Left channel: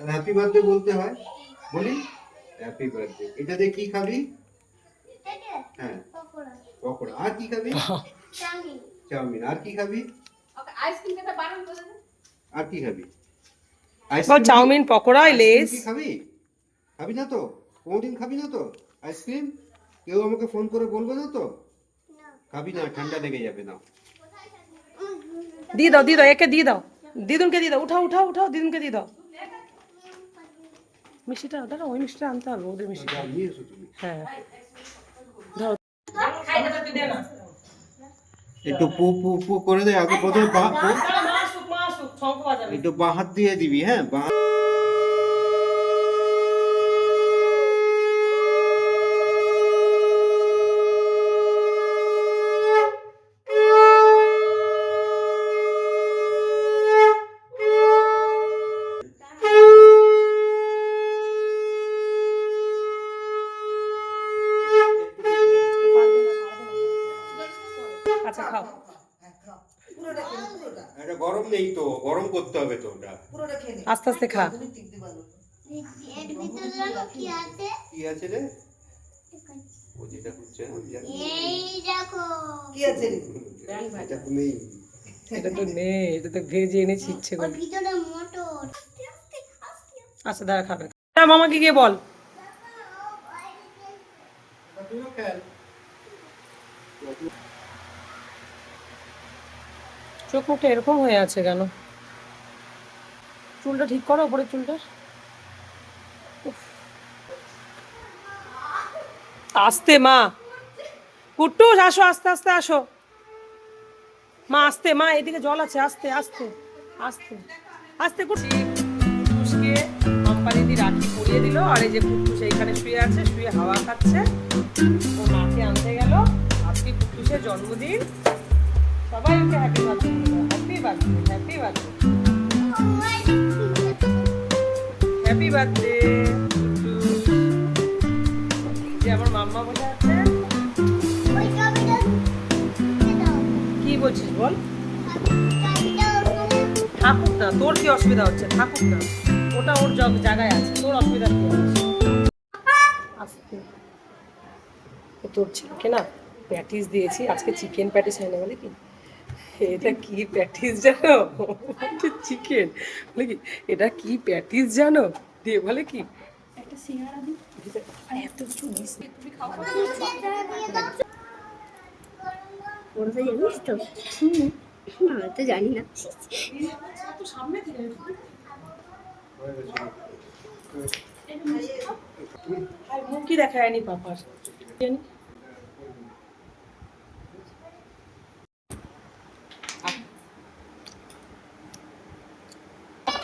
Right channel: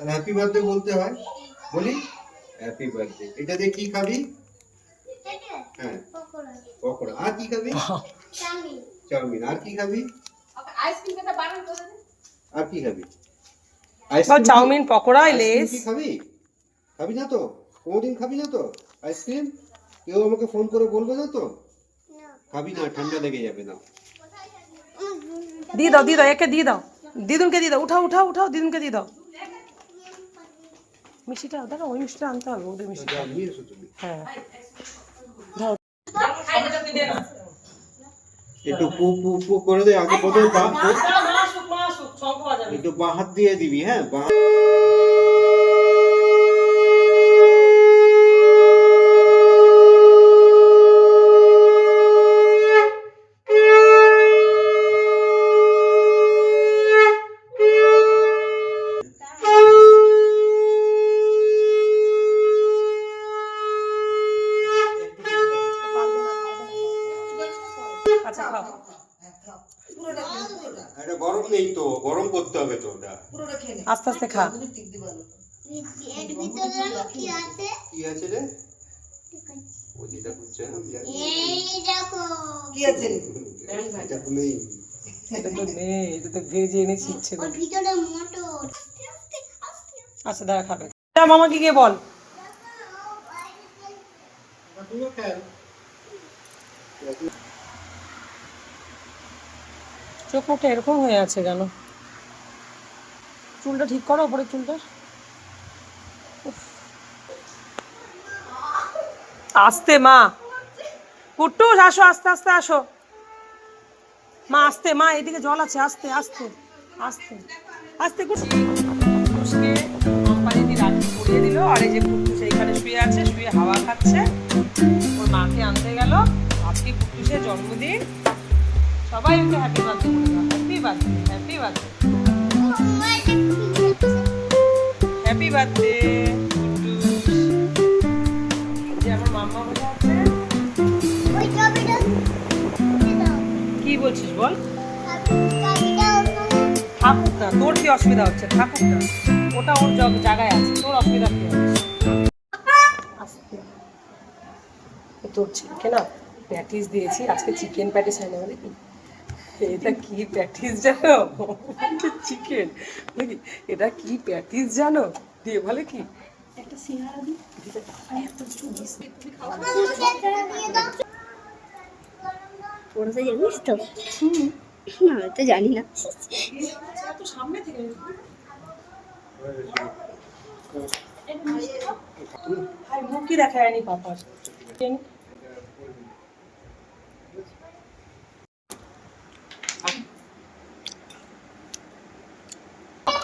তাহলে happy birthday বলতে হয়। বলি? হ্যাপি বার্থডে এটা দিয়ে কি খাবি? হ্যাঁ। পকোড়া। আর কি খাবি? চাউমিন। আর কি খাবি। আর কি খাবি? Chowmein pakora Lay's. খাবি? খাবি না তো? কোনোদিন খাবি না তো? আইসক্রিম কেউ আমাকে ফোন করে বলবে না তো? খাবি না ঠান্ডা লেগে যাবে না। দিয়ে দাও দিয়ে দাও একে দিয়ে দাও। দিদুনকে দিয়ে দাও। উঠাও উঠাও উঠাও দিদুনকে দিয়ে দাও। মিষ্টিটা দেখো ওই মিষ্টিটা আনতে পারব ওদের মিষ্টি যা নিয়ে তুমি। হ্যাঁ। ধরো একটু পু পু পু করে দে আগে প্রথমে পা একটু বাঁ হাত দিয়ে দিবি হ্যাঁ বাঁ আচ্ছা খাও। এটা গরম নেই তো গরম করতে হবে তো ওটা। আস্তে আস্তে খা এর ভিতরে কি আছে? কি আছে রে? ও যেটা করছে আমি জানি এই দেখো। এটা তো নেই। এটা তো নেই এটা তো ভেজে ওর ভিতরে মোটর। আচ্ছা দাঁড়া খাবে। মামাকে গিয়ে বল। তুইও খেল। চোখ মুখটা এরকম হয়ে আছে কেন? চুলটা ঠিক করো ওপরে চুলটা। আস্তে, মা। কুট্টুস আসো, আস্তে আস্তে, আসো। মা, আস্তে, মা, এদিকে জল আছে, আস্তে আস্তে আস্তে আস্তে দিল, আর এই যে কুট্টুস এইখানে শুয়ে আছে, শুয়ে হাওয়া খাচ্ছে। ওর মাকে আনতে গেল। আজকে কুট্টুসের জন্মদিন। সবাই ওকে happy birthday happy birthday happy birthday happy birthday যে আমার মাম্মা বলে আছে। কি বলছিস বল? না তোর কি অসুবিধা হচ্ছে? না ওটা ওর জায়গায় আছে। তোর অসুবিধা কি হচ্ছে। তোর চিকেন না প্যাটিস দিয়েছি। আজকে চিকেন প্যাটিস হয় না বলে কি? এটা কি প্যাটিস জানো? চিকেন বলে এটা কি প্যাটিস জানো? দিয়ে বলে কি জানিস তো? না আমি তো জানি না। সামনে থেকে আর মুখই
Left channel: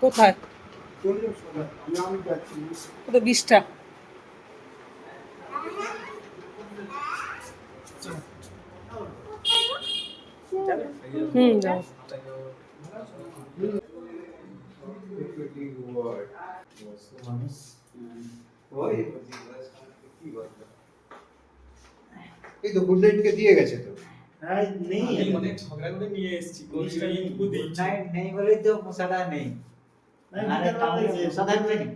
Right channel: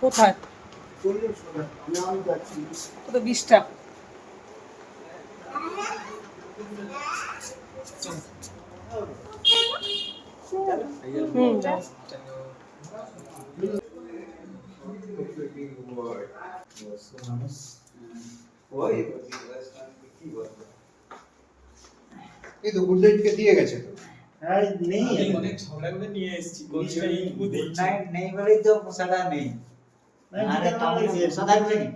কোথায়? এই তো গুড দিয়ে গেছে তো। নেই অনেক সকালে নিয়ে এসেছি কোনটা নাইট নেই বলেই তো মশাটা নেই। আরে তাহলে মশা থাকবে নি?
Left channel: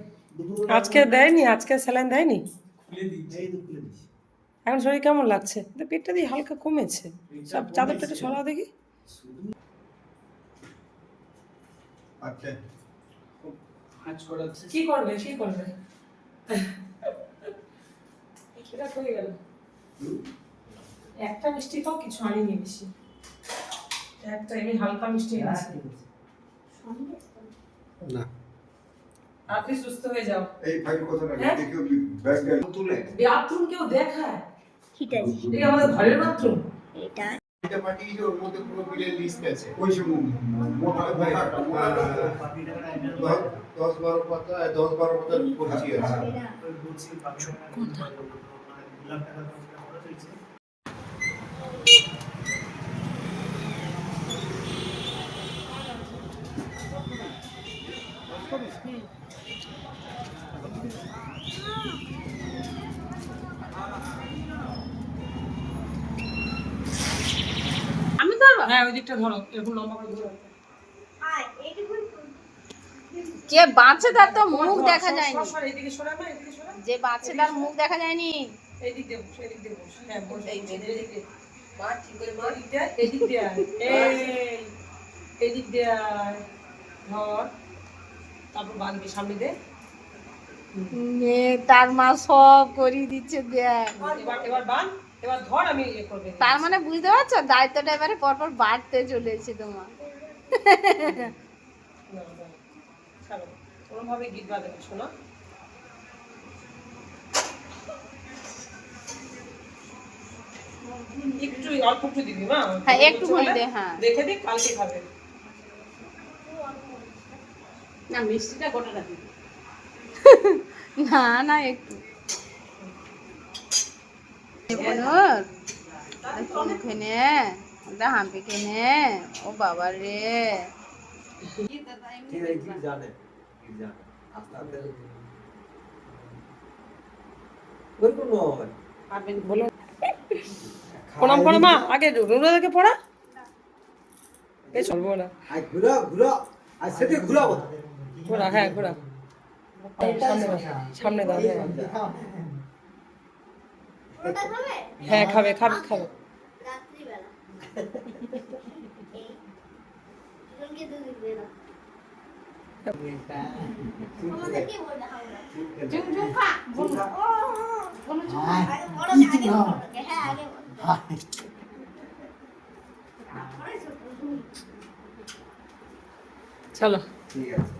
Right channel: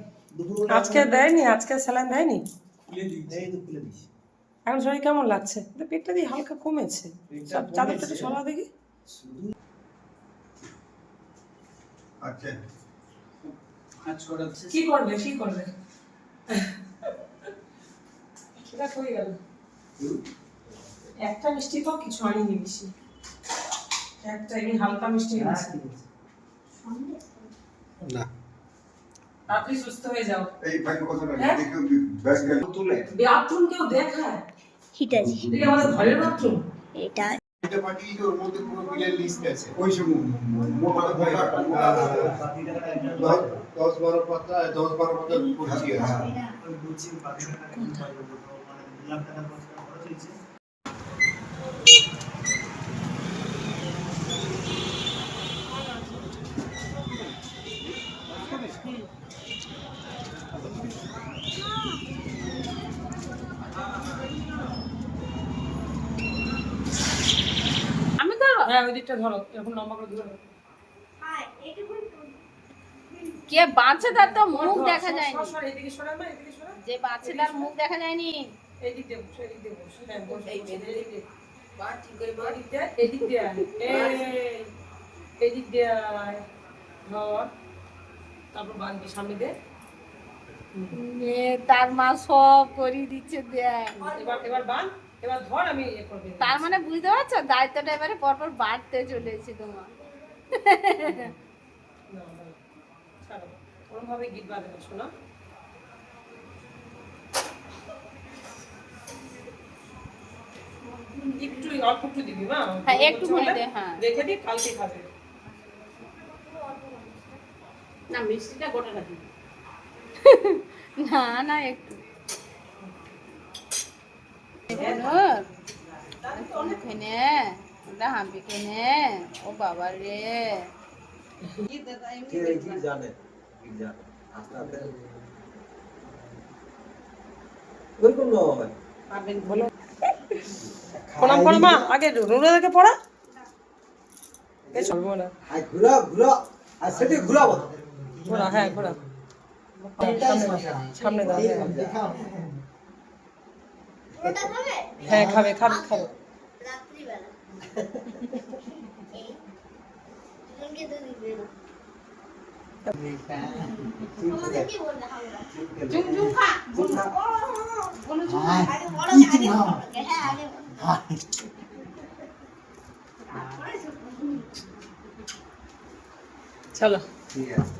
আজকে দেয়নি আজকে স্যালাইন দেয়নি? এখন শরীর কেমন লাগছে? পেটটা দিয়ে হালকা কমেছে। সব চাদরটা একটু সরা দেখি। আচ্ছা। কি করবে কি করবে? সেটা হয়ে গেল। একটা মিষ্টি খাও কিছু আনিনি বেশি। একটা এমনি হালকা মিষ্টি এনেছি। না। তাড়াতাড়ি সুস্থ হয়ে যাও। এই ভাই কথা না হ্যাঁ? দেখে ব্যাগ তুলে। বাথরুম কেউ দেখায়? ঠিক আছে এটা আমাদের ঘরের বাথরুম? এটা এটা পাঠিয়েছি ওর মধ্যে পুরো বিলের লিস্ট আছে। ওই সব মোটা মোটা দশ- দশ বারো পাতা দশ বারো পাতা পড়ছি আছে। তো হ্যাঁ ওই দিকটা ধরো এরকম লম্বা করে ধরো কে বাঁচে তার তো মুখ দেখা যায়নি। সর, সর, এইদিকে সরা মা এইদিকে সরা। যে বাঁচে তার মুখ দেখা যায়নি। এইদিক দিয়ে বস এইদিক। মা ঠিক করে মা এদিক দিয়ে এদিক দিয়ে তারপর বাঁধবি সামনে দে। তার মা সব করিয়ে দিচ্ছে দেখ। এবার এবার বাঁধ এবার ধর আমি ইয়ে করবে। তার মানে বুঝতে পারছ? দায়িত্বটা এবারে পরপর বাড়তে চলেছে তোমার। ওরকম ভাবে গীত বাজাবে শোনা। একটু অল্প একটু দিবি মা? হ্যাঁ একটুখানি দে হ্যাঁ। দেখে দিক কালকে খাবে। না মিষ্টিটা গোটাটা দিবি। না না একটু। খেনে ওটা হাম্পি খেনে ও বাবা রে। জানে জানে আস্তে ওই কোন হয় প্রণাম করো মা আগে দেখে পড়া এই চলবো না আই ঘুরা ঘুরা আই সেটি ঘুরাবো ঘোরা হ্যাঁ ঘোরা সামনে দাও হ্যাঁ। খাবে হ্যাঁ খাবে খাবে খাবে জুম জুম খা জুম খা। আগে বড় আগে বড়। আগে। চলো। ঠিক আছে।